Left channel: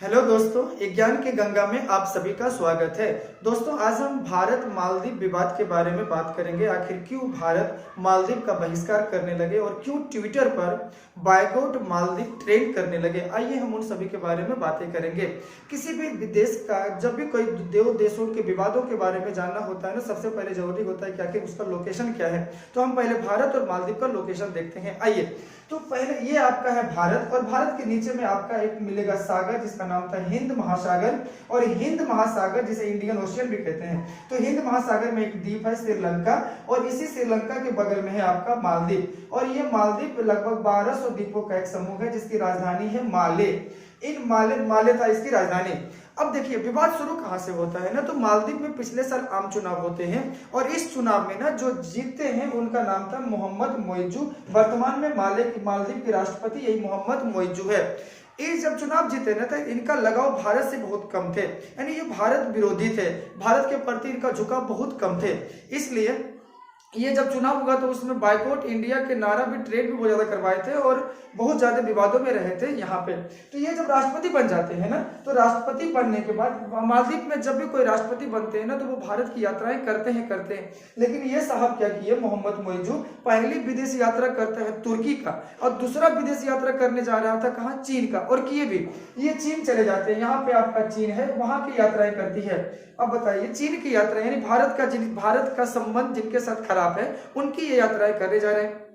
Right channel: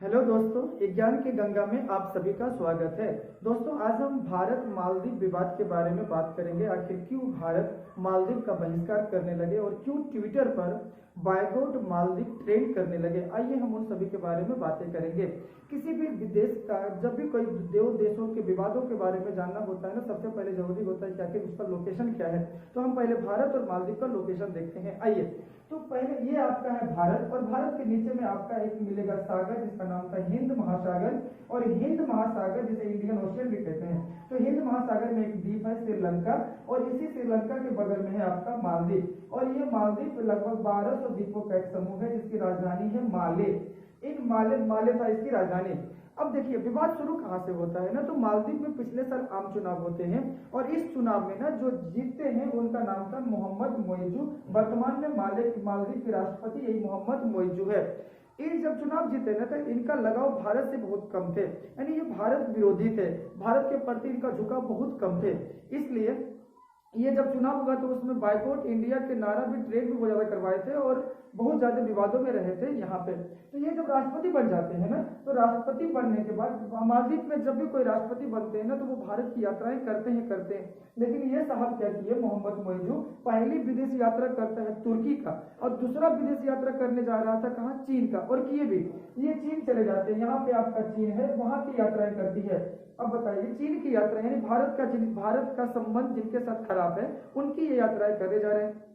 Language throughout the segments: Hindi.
हेलो दोस्तों, ज्ञान के गंगा में आप सभी का स्वागत है। दोस्तों, आज हम भारत मालदीव विवाद के बारे में बात करेंगे। आखिर क्यों भारत मालदीव का बहिष्कार करने लगे और क्यों ट्विटर पर बायकॉट मालदीव ट्रेंड करने लगे। आइए हम उन सभी के बारे में बातें करेंगे। किसी भी देश का जब भी कोई देशों के विवादों के बारे में जानना होता है ना, सबसे पहले जरूरी होता है कि आखिर उसका लोकेशन क्या है। तो हम पहले भारत और मालदीव का लोकेशन देखते हैं। आइए, तो पहले ये आपका है भारत, और भारत के नीचे में आपका एक मिलेगा सागर जिसका नाम था हिंद महासागर। और हिंद महासागर जिसे इंडियन ओशियन भी कहते हैं। तो हिंद महासागर में एक द्वीप है श्रीलंका, और इसी श्रीलंका के बगल में है आपका मालदीव। और ये मालदीव लगभग 1200 द्वीपों का एक समूह है जिसकी राजधानी है माले। माले था इसकी राजधानी। अब देखिए, विवाद शुरू कहां से होता है ना, तो मालदीव में पिछले साल आम चुनाव होते हैं, और इस चुनाव में ना जो जीतते हैं उनका नाम था मोहम्मद मोइजू। वर्तमान में मालदीव के राष्ट्रपति यही मोहम्मद मोइजू है। ये जब चुनाव जीते ना, तो इनका लगाव भारत से बहुत कम थे, यानी ये भारत विरोधी थे। भारत के प्रति इनका झुकाव बहुत कम थे। इसलिए ये जब चुनाव हुआ तो उसमें बायकॉट इंडिया के नारा भी, ट्रेड भी बहुत ज्यादा करवाए थे और बहुत ज्यादा विवादों में रहे थे यहाँ पे। तो ये जब राष्ट्रपति बन जाते हैं ना, तो राष्ट्रपति बनने के बाद मालदीव में जब भी कोई राष्ट्रपति बनते हैं ना, तो वो भारत की यात्राएं करते हैं। लेकिन ये साहब क्या किए, मोहम्मद मोइजू पहली विदेश यात्रा करता है तुर्की का, और दूसरा विदेश यात्रा करने जा रहा था कहाँ, चीन का। और किए भी, ये चीन चले जाते हैं। यहाँ पे आपका चीन है, वहां की यात्राएं करती है। अब बताइए, चीन की यात्रा यानी भारत का संबंध जिनके साथ खराब है, उनकी ये यात्राएं करने जा रहे हैं।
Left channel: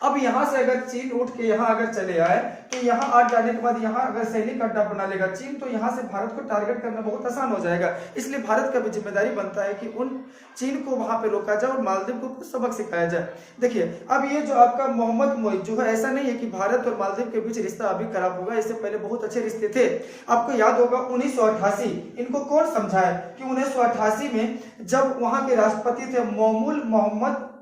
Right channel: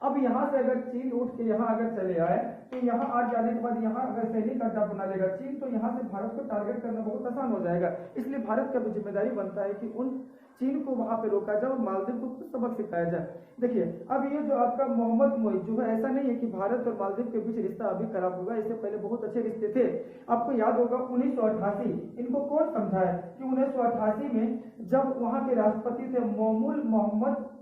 अब यहां से अगर चीन उठ के यहां अगर चले आए, तो यहां आ जाने के बाद यहां अगर सैनिक अड्डा बना लेगा चीन, तो यहां से भारत को टारगेट करना बहुत आसान हो जाएगा। इसलिए भारत का भी जिम्मेदारी बनता है कि उन चीन को वहां पे रोका जाए और मालदीव को कुछ सबक सिखाया जाए। देखिए, अब ये जो आपका मोहम्मद मोइजू है, ऐसा नहीं है कि भारत और मालदीव के बीच रिश्ता अभी खराब होगा। इससे पहले बहुत अच्छे रिश्ते थे। आपको याद होगा 1988, इनको कौन समझाया कि 1988 में जब वहां के राष्ट्रपति थे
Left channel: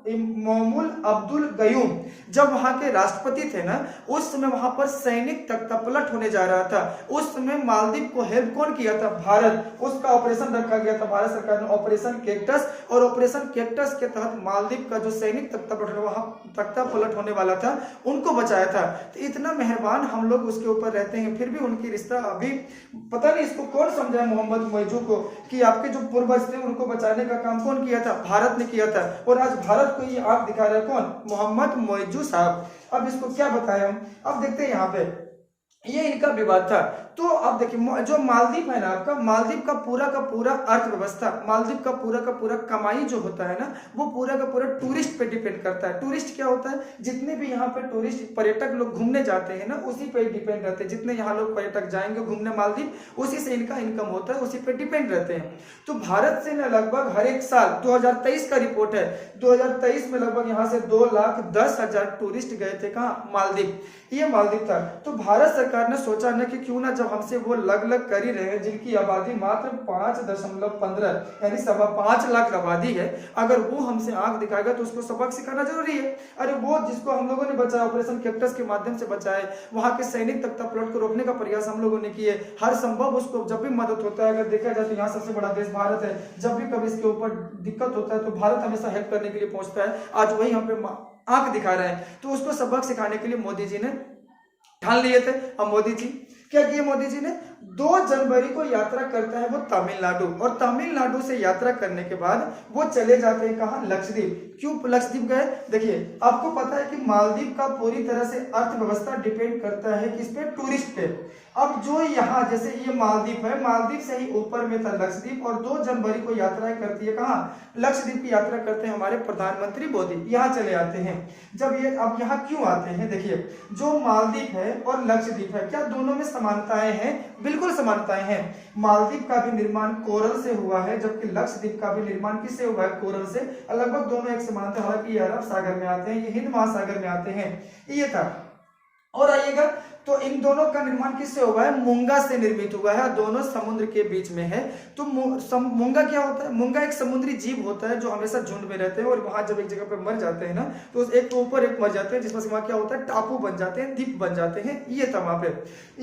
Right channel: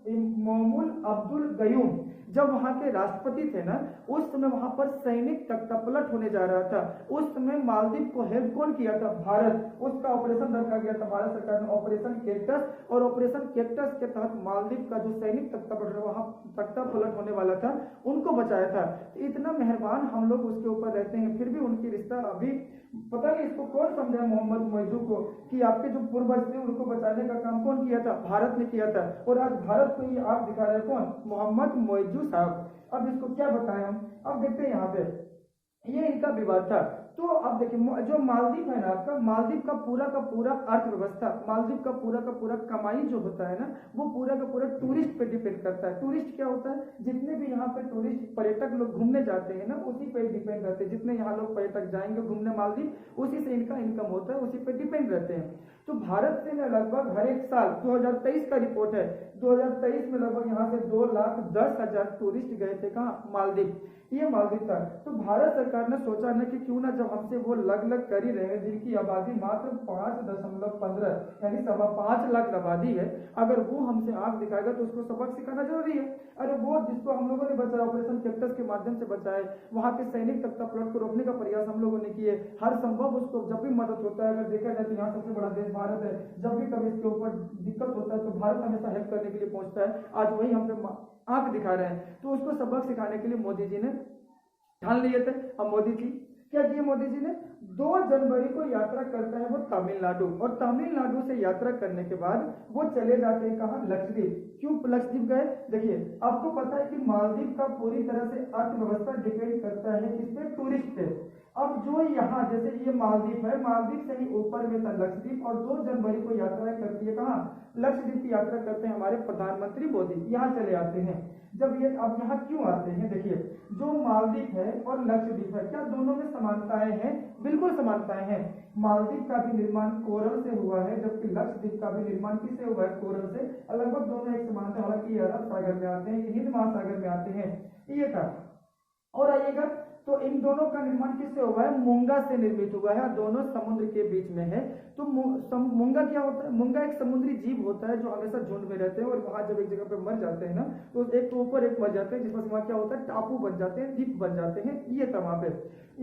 मोमुल अब्दुल गयूम, जब वहां के राष्ट्रपति थे ना, उस समय वहां पर सैनिक तख्तापलट होने जा रहा था। उस समय मालदीव को हेल्प कौन किया था, भारत। उसका ऑपरेशन रखा गया था भारत सरकार ने, ऑपरेशन कैक्टस। और ऑपरेशन कैक्टस के तहत मालदीव का जो सैनिक तख्तापलट होने वाला था, उनको बचाया था। तो इतना मेहरबान हम लोग उसके ऊपर रहते हैं, फिर भी उनकी रिश्ता अभी पता नहीं इसको कौन समझाया मोहम्मद मोइजू को कि आपके जो पूर्वज थे उनको बचाने का काम कौन किया था, भारत ने किया था। और आज भारत को ये आंख दिखा रहा है कौन, मोहम्मद मोइजू साहब। अब इसको क्या बताएं हम, अब देखते हैं यहाँ पे ये इनका विवाद था। तो अब देखिए, जो मालदीव है ना आपका, मालदीव का पूरा अर्थव्यवस्था, मालदीव का पूरा कमाई जो होता है ना, वो पूरा का पूरा टूरिस्ट पे डिपेंड करता है। टूरिस्ट क्या होता है, जितने भी यहाँ पे टूरिस्ट पर्यटक लोग घूमने जाते हैं ना, उसी पे डिपेंड रहते हैं। जितने यहाँ लोग पर्यटक जाएंगे घूमने मालदीव, उसी से इनका इनकम होता है, उसी पे डिपेंड रहते हैं। तो भारत से ना लगभग हर एक साल, 2023 का रिपोर्ट है, 2023 में लगभग यहाँ से 2,10,000 टूरिस्ट गए थे कहाँ, मालदीव। ये मालदीव था। तो भारत सरकार ने सोचा ना कि क्यों ना, जब हमसे वो लग कर ही रहे हैं, जिनकी आबादी मात्र 5.15 यानी 5.25 लाख आबादी है, अगर वो हमसे आंख दिखाएगा तो उसको सबक सिखाना जरूरी है। अरे वो जिसको हम लोगों ने बचाया, ऑपरेशन कैक्टस के माध्यम से बचाए, वहां के सैनिक तख्तापलट को रोकने का प्रयास हम लोगों ने किए। हर संभव उसको जब भी मदद होता है, अगर देखा जाए तो यहाँ सबसे बड़ा देश भारत है। जब भी कभी इसके ऊपर दिक्कत होता है तो भारत हमेशा हेल्प करने के लिए पहुंचता है। आज वही हम पे आंख दिखा रहे हैं। तो उसको सबक सिखाने के लिए मोदी जी ने ठान लिए थे। अब मोदी जी क्या किए, मोदी जी ने 2 जनवरी को यात्रा करता है वो तमिलनाडु, और तमिलनाडु से यात्रा करने के बाद वो चले जाते हैं कहाँ, लक्षद्वीप। क्यों लक्षद्वीप गए, देखिए आपको पता है कि मालदीव का पूरी तरह से अर्थव्यवस्था डिपेंड करता है किस पे, टूरिस्ट पे। अब जो यहाँ जैसे ये मालदीव है, मालदीव से ही ऊपर में था लक्षद्वीप, और 2 जनवरी को यात्राएं करती है कहाँ, लक्षद्वीप की यात्रा करते हैं हमारे प्रधानमंत्री मोदी, यहाँ चले आते हैं। जब ये अब यहाँ क्यों आते हैं, देखिए जो मालदीव है और लक्षद्वीप है, क्या दोनों में समानताएं हैं, बिल्कुल समानताएं हैं। मालदीव का भी निर्माण कोरल से हुआ है, जबकि लक्षद्वीप का भी निर्माण किससे हुआ है, कोरल से। लगभग दोनों एक समानता, हालांकि ये अरब सागर में आते हैं, ये हिंद महासागर में आते हैं, ये था। और आइएगा, तो इन दोनों का निर्माण किससे हुआ है, मूंगा से निर्मित हुआ है, दोनों समुद्र के बीच में है। तो मूंगा क्या होता है, मूंगा एक समुद्री जीव होता है जो हमेशा झुंड में रहते हैं, और वहां जब एक जगह पे मर जाते हैं ना, तो एक के ऊपर एक मर जाते हैं, जिसमें से वहां क्या होता है, टापू बन जाते हैं, द्वीप बन जाते हैं। ये था वहां पे।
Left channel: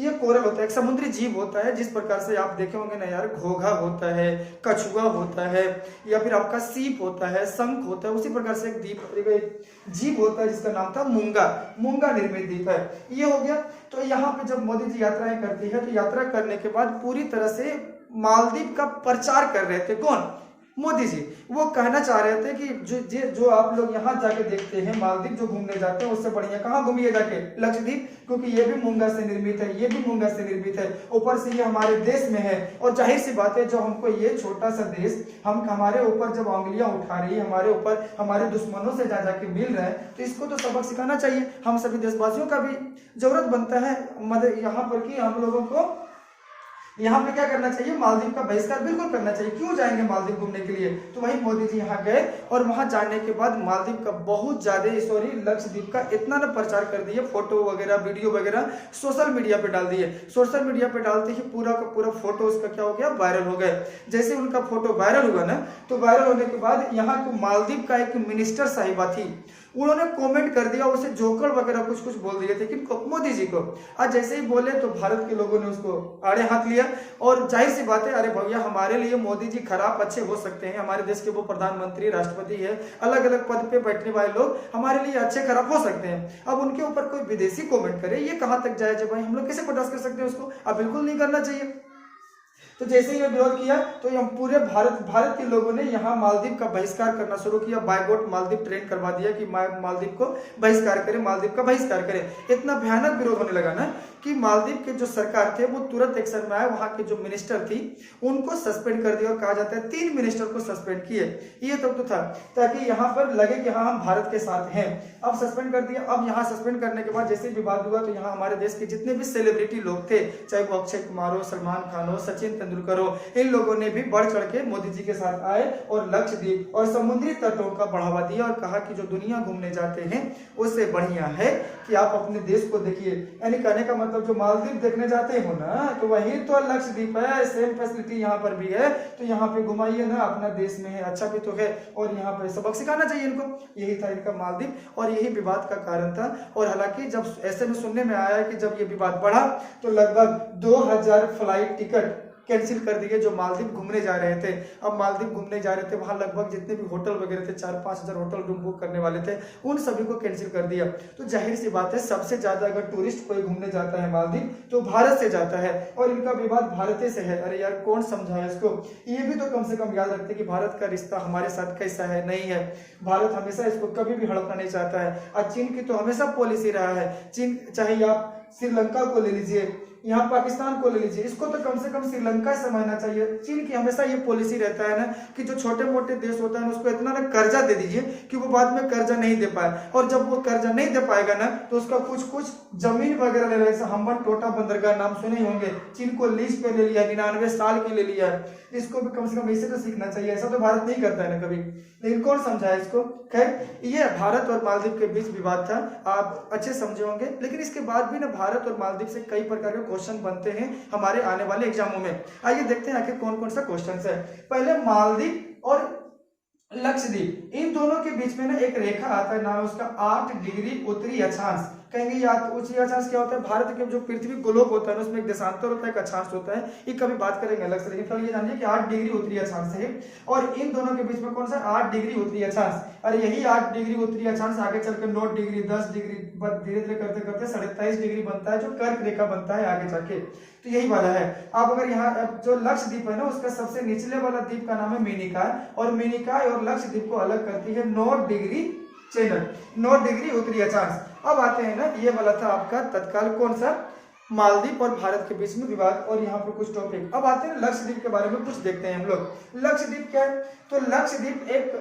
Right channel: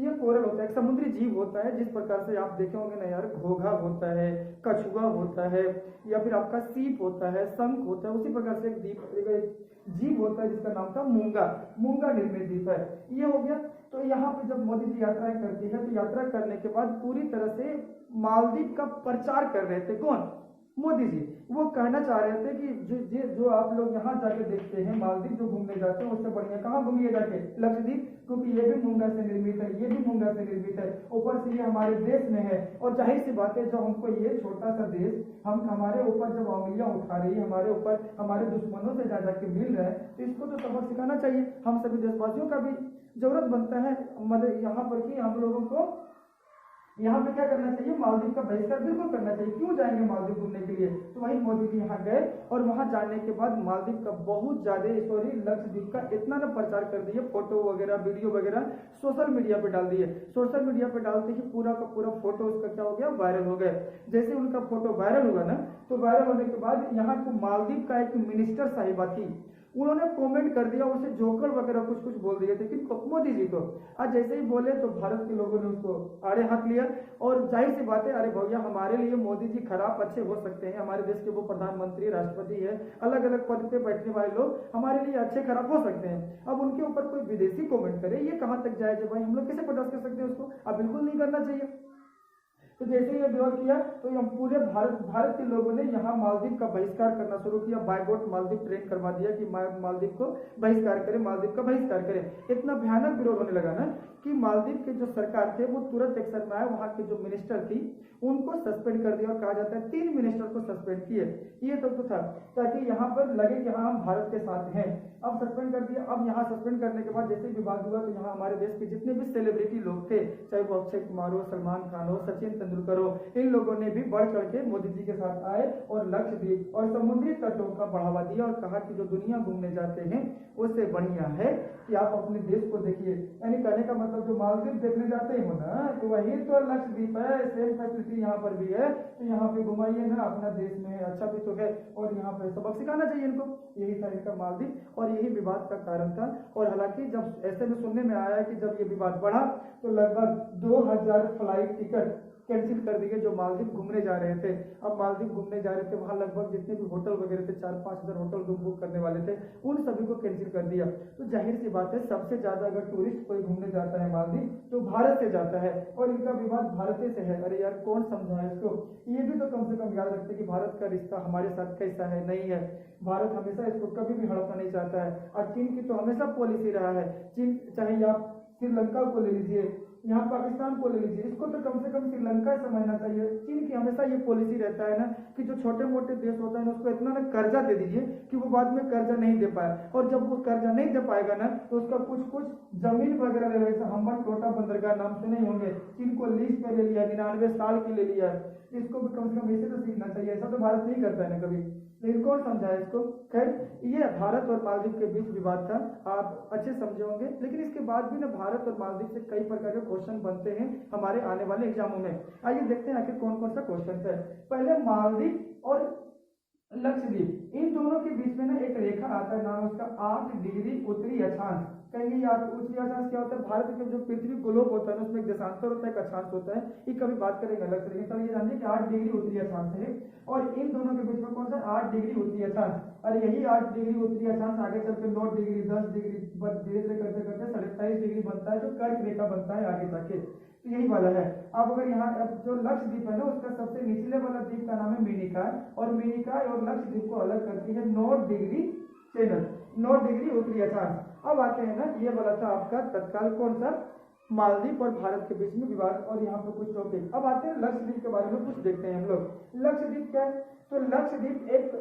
ये कोरल होता है, एक समुद्री जीव होता है। जिस प्रकार से आप देखे होंगे ना यार, घोघा होता है, कछुआ होता है, या फिर आपका सीप होता है, शंख होता है, उसी प्रकार से एक जीव होता है जिसका नाम था मूंगा। मूंगा निर्मित द्वीप है, ये हो गया। तो यहाँ पे जब मोदी जी यात्राएं करती है तो यात्रा करने के बाद पूरी तरह से मालदीव का प्रचार कर रहे थे। कौन? मोदी जी। वो कहना चाह रहे थे कि जो आप लोग यहाँ जाके देखते हैं मालदीव जो घूमने जाते हैं उससे बढ़िया कहाँ घूमिए जाके? लक्षद्वीप, क्योंकि ये भी मूंगा से निर्मित है, ये भी मूंगा से निर्मित है, ऊपर से ये हमारे देश में है। और जाहिर सी बात है जो हमको ये छोटा सा देश हमारे ऊपर जब उंगलियां उठा रही है, हमारे ऊपर हमारे दुश्मनों से जा जाके मिल रहा है, तो इसको तो सबक सिखाना चाहिए। हम सभी देशवासियों का भी जरूरत बनता है मदद यहाँ पर कि हम लोगों को यहाँ पे क्या करना चाहिए? मालदीव का बहिष्कार बिल्कुल करना चाहिए। क्यों जाएंगे मालदीव घूमने के लिए? तो वही मोदी जी यहाँ गए और वहां जाने के बाद मालदीव का बहुत ज्यादा लक्षद्वीप का इतना ना प्रचार कर दिए, फोटो वगैरह वीडियो वगैरह सोशल मीडिया पे डाल दिए। सोशल मीडिया पे डालते ही पूरा का पूरा फोटो उसका क्या हो गया? वायरल हो गए। जैसे उनका फोटो वायरल हुआ ना, तो वायरल होने के बाद यहाँ को मालदीव का एक मिनिस्टर साहिबा थी, उन्होंने कमेंट कर दिया, उसे जोकर वगैरह कुछ कुछ बोल दिए थे कि मोदी जी को। आज जैसे ही बोले तो भारत के लोगों ने उसको आड़े हाथ लिया। और जाहिर सी बात है, अरे भैया हमारे लिए मोदी जी खराब अच्छे हो सकते हैं, हमारे देश के वो प्रधानमंत्री राष्ट्रपति है, अलग अलग पद पे बैठने वाले लोग हमारे लिए अच्छे खराब हो सकते हैं। अब उनके ऊपर कोई विदेशी कमेंट करे, ये कहां तक जायज है भाई? हम लोग कैसे बर्दाश्त कर सकते हैं उसको? अब बिल्कुल नहीं करना चाहिए। तो जैसे ही विरोध किया तो हम पूरे भारत के लोगों ने यहाँ मालदीव का बहिष्कार करना शुरू किया। बायगॉट मालदीव ट्रेंड करवा दिया कि मालदीव को बहिष्कार करें, मालदीव का बहिष्कार करें। इतना भयानक विरोध होने लगा ना कि मालदीव के जो सरकार थे वो तुरंत एक्शन में आए। वहां के जो मिनिस्टर थी उनको सस्पेंड कर दिया, और कहा जाता है 3 मिनिस्टर को सस्पेंड किए। ये तो था ताकि यहाँ पर लगे कि हाँ हम भारत के साथ हैं। अब सस्पेंड कर दिया। अब यहाँ सस्पेंड करने के बाद जैसे विवाद हुआ तो यहाँ हमारे देश के जितने भी सेलिब्रिटी लोग थे, चाहे वो अक्षय कुमार हो, सलमान खान हो, सचिन तेंदुलकर हो, इन लोगों ने भी बढ़ चढ़ के मोदी जी के साथ आए और लक्षद्वीप और समुद्री तटों का बढ़ावा दिया और कहा कि जो दुनिया घूमने जाते हैं उससे बढ़िया है कि आप अपने देश को देखिए। यानी कहने का मतलब जो मालदीव देखने जाते हो ना, तो वही तो लक्षद्वीप है, सेम फैसिलिटी यहाँ पर भी है, तो यहाँ पे घुमाइए ना, अपना देश में है, अच्छा भी तो है, और यहाँ पे सबक सिखाना चाहिए इनको। यही था इनका मालदीव और यही विवाद का कारण था। और हालांकि जब ऐसे में सुनने में आया कि जब ये विवाद बढ़ा तो लगभग 2000 फ्लाइट टिकट कैंसिल कर दिए जो मालदीव घूमने जा रहे थे। अब मालदीव घूमने जा रहे थे, वहां लगभग जितने भी होटल वगैरह थे, 4-5 हजार होटल रूम बुक करने वाले थे, उन सभी को कैंसिल कर दिया। तो जाहिर सी बात है सबसे ज्यादा अगर टूरिस्ट कोई घूमने जाता है मालदीव तो भारत से जाता है, और इनका विवाद भारत से है। अरे यार कौन समझाए इसको? ये भी तो कम से कम याद रखते कि भारत का रिश्ता हमारे साथ कैसा है, नहीं है। भारत हमेशा इसको कभी भी हड़पना नहीं चाहता है। और चीन की तो हमेशा पॉलिसी रहा है, चीन चाहे आप श्रीलंका को ले लीजिए, यहाँ पाकिस्तान को ले लीजिए, इसको तो कम से कम श्रीलंका समझना चाहिए। चीन की हमेशा ये पॉलिसी रहता है ना कि जो छोटे मोटे देश होता है ना उसको इतना ना कर्जा दे दीजिए कि वो बाद में कर्जा नहीं दे पाए, और जब वो कर्जा नहीं दे पाएगा ना तो उसका कुछ कुछ जमीन वगैरह ले रहे, हम्बन टोटा बंदरगाह नाम सुने ही होंगे, चीन को लीज पे ले लिया, 99 साल की ले लिया। इसको भी कम से कम इसे तो सीखना चाहिए। ऐसा तो भारत नहीं करता है ना कभी, लेकिन कौन समझाए इसको? खैर ये भारत और मालदीव के बीच विवाद था, आप अच्छे समझे होंगे। लेकिन इसके बाद भी ना भारत और मालदीव से कई प्रकार के क्वेश्चन बनते हैं हमारे आने वाले एग्जामों में। आइए देखते हैं आखिर कौन कौन सा क्वेश्चन है। पहले मालदीव और लक्षद्वीप, इन दोनों के बीच में ना एक रेखा आता है, नाम है उसका 8 डिग्री उत्तरी अक्षांश। कहेंगे यार उत्तरी अक्षांश क्या होता है? भारत के जो पृथ्वी गोलोक होता है उसमें एक देशांतर होता है, एक अक्षांश होता है, ये कभी बात करेंगे अलग से। लेकिन फिलहाल ये जानिए कि 8 डिग्री उत्तरी अक्षांश है, और इन दोनों के बीच में कौन सा 8 डिग्री उत्तरी अक्षांश। और यही 8 डिग्री उत्तरी अक्षांश आगे चलकर 9 डिग्री 10 डिग्री धीरे धीरे करते करते 27.5 डिग्री बनता है, जो कर्क रेखा बनता है आगे जाके। तो यही वाला है। अब अगर यहाँ जो लक्षद्वीप है ना उसका सबसे निचले वाला द्वीप का नाम है मिनिकॉय, और मिनिकॉय और लक्षद्वीप को अलग करती है 9 डिग्री चैनल, 9 डिग्री उत्तरी अक्षांश। अब आते हैं ना, ये वाला था आपका तत्काल कौन सा? मालदीव और भारत के बीच में विवाद, और यहाँ पर कुछ टॉपिक। अब आते हैं लक्षद्वीप के बारे में कुछ देखते हैं हम लोग। लक्षद्वीप क्या है? तो लक्षद्वीप एक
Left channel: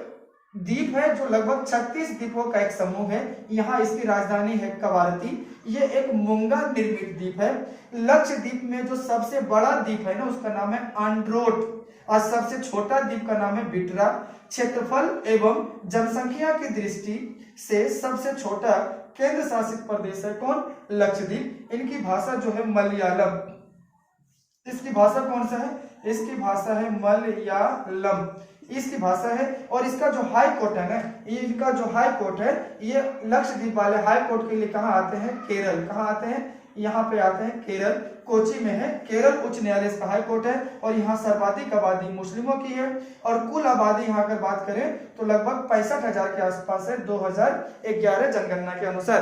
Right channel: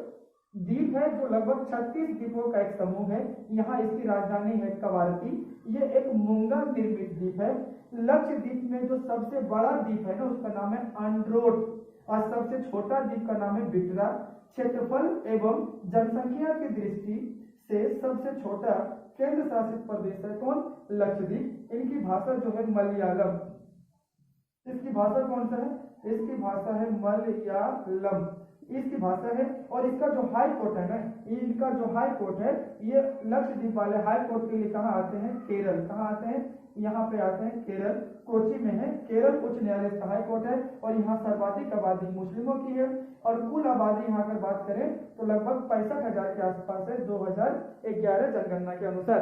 द्वीप है जो लगभग 36 द्वीपों का एक समूह है। यहाँ इसकी राजधानी है कवारती। ये एक मूंगा निर्मित द्वीप है। लक्षद्वीप में जो सबसे बड़ा द्वीप है ना उसका नाम है अंड्रोट, और सबसे छोटा द्वीप का नाम है बिटरा। क्षेत्रफल एवं जनसंख्या की दृष्टि से सबसे छोटा केंद्र शासित प्रदेश है कौन? लक्षद्वीप। इनकी भाषा जो है मलयालम। इसकी भाषा कौन सा है? इसकी भाषा है मलयालम, इसकी भाषा है। और इसका जो हाई कोर्ट है ना, इनका जो हाई कोर्ट है, ये लक्षद्वीप वाले हाई कोर्ट के लिए कहाँ आते हैं? केरल। कहाँ आते हैं? यहाँ पे आते हैं केरल, कोची में है। केरल उच्च न्यायालय इसका हाई कोर्ट है, और यहाँ सर्वाधिक आबादी मुस्लिमों की है, और कुल आबादी यहाँ अगर बात करें तो लगभग 65,000 के आसपास है 2011 जनगणना के अनुसार।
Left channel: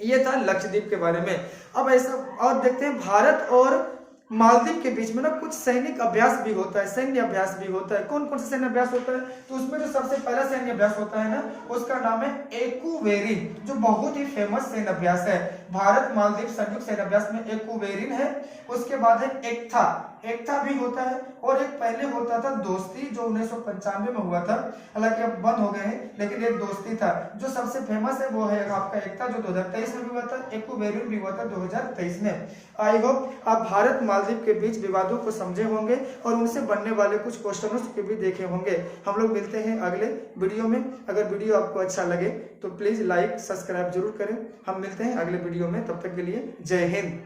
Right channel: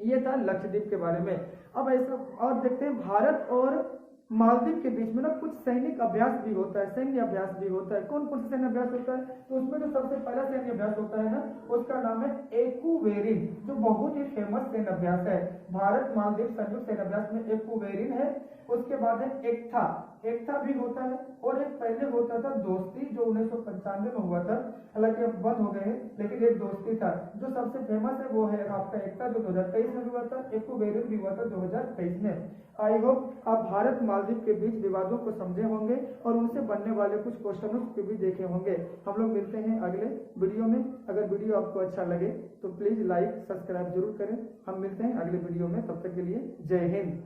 ये था लक्षद्वीप के बारे में। अब ऐसा और देखते हैं भारत और मालदीव के बीच में ना कुछ सैनिक अभ्यास भी होता है, सैन्य अभ्यास भी होता है। कौन कौन सा सैन्य अभ्यास होता है? तो उसमें जो सबसे पहला सैन्य अभ्यास होता है ना, उसका नाम है एक्वेरिन, जो बहुत ही फेमस सैन्य अभ्यास है। भारत मालदीव संयुक्त सैन्य अभ्यास में एक्वेरिन है। उसके बाद है एकथा, एकथा भी होता है। और एक पहले होता था दोस्ती, जो 1995 में हुआ था, हालांकि अब बंद हो गए हैं, लेकिन एक दोस्ती था। जो सबसे फेमस है वो है आपका एकता, जो 2023 में भी हुआ था। एक्वेरिन भी हुआ था 2023 में। आई होप आप भारत मालदीव के बीच विवादों को समझे होंगे और उनसे बनने वाले कुछ क्वेश्चनों के भी देखे होंगे। हम लोग मिलते हैं अगले वीडियो में। अगर वीडियो आपको अच्छा लगे तो प्लीज लाइक सब्सक्राइब जरूर करें। हम मिलते हैं अगले वीडियो में, तब तक के लिए जय हिंद।